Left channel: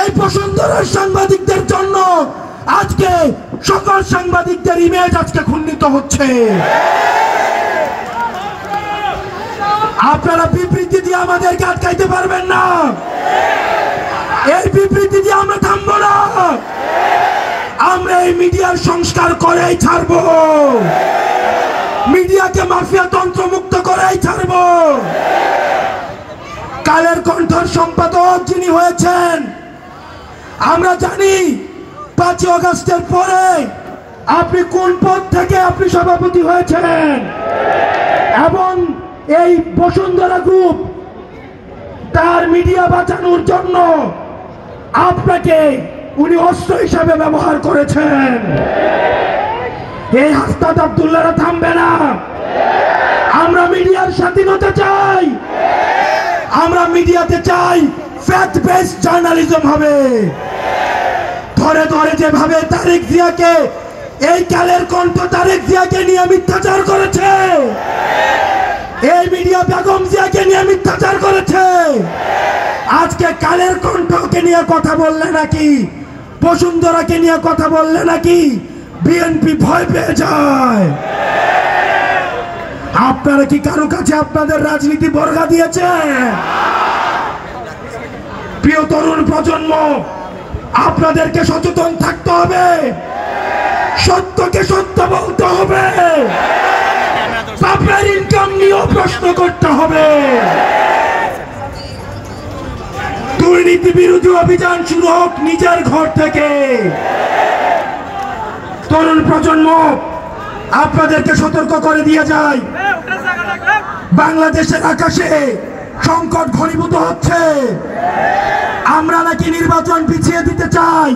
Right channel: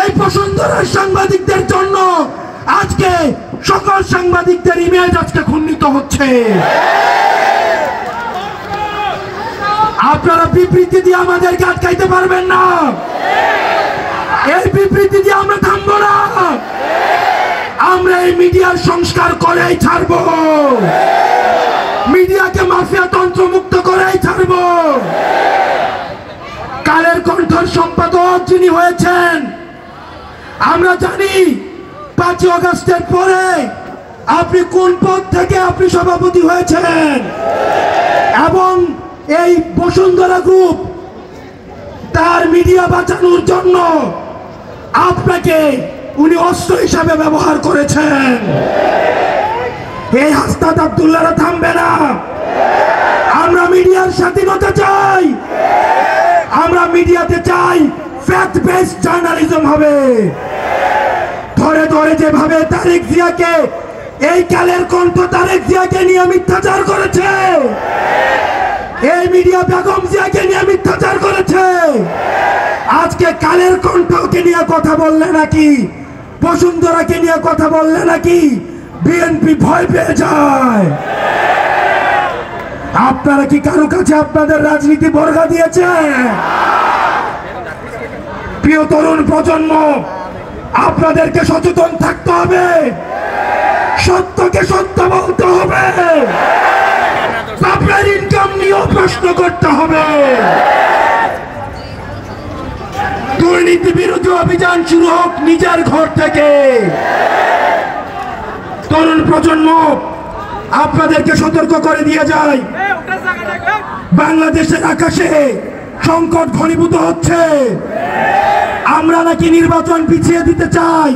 এই বসুন্ধরার সাংবাদিকদের জন্য আজকে সকল সাংবাদিকদের ইমেজ আজকে ক্ষুণ্ণিত হচ্ছে। আপনারা বিবৃতি দিয়ে আমাদেরকে আটকাইতে পারবেন না। এই বিবৃতি দিয়ে আমরা থামবো না। আমরা এই মিডিয়ার সংস্কার করেই ছাড়বো, মিডিয়াকে মাফিয়া তন্ত্র মুক্ত করেই ছাড়বো। কালের কণ্ঠর সম্পাদক যিনি হয়েছেন, আমরা জানি 5 আগস্টের পরে আপনি কোন পদ থেকে আপনি সভাপতি হয়েছেন, এবং এই বসুন্ধরা গ্রুপ তার মিডিয়া বাঁচানোর জন্য আপনাকে উনি অস্ত্র হিসাবে ব্যবহার করেছেন। এই হাসনাত আব্দুল্লাহরা থামবে না। আমরা মিডিয়ার স্বাধীনতা চাই, আমরা মিডিয়াতে চাই ফ্যাক্ট বেসড জার্নালিজম হবে। ধরে ধরে যেভাবে তারেক জিয়াকে, এই কালের কণ্ঠ তারেক জিয়াকে নিয়ে মিথ্যাচার করেছে, এই মিডিয়া বেগম জিয়াকে নিয়ে মিথ্যাচার করেছে, আজকে কালের কণ্ঠকে নিয়ে কথা বললে নাকি, বসুন্ধরাকে নিয়ে কথা বললে নাকি বিএনপি ভয় পেয়ে যায়। আপনারা কি কারো কাছে আপনাদের রাজনীতি বর্গা দিয়েছে? প্রিয় তরুণ প্রজন্ম, আপনাদেরকে সচেতন থাকতে হবে, সত্যকে সত্য বলতে হবে, আপনার ইনকাম নিয়েও প্রশ্ন করতে হবে। দুর্নীতি বিরোধী অভিযান শুরু হোক নিজের ঘর থেকে। তরুণ প্রজন্ম, আপনাদেরকে সতর্ক করে দিয়ে যায়, বাংলাদেশের আকাশে সংকট ঘনীভূত হচ্ছে। আমরা নাকি নির্বাচন পিছিয়ে দিতে চাই।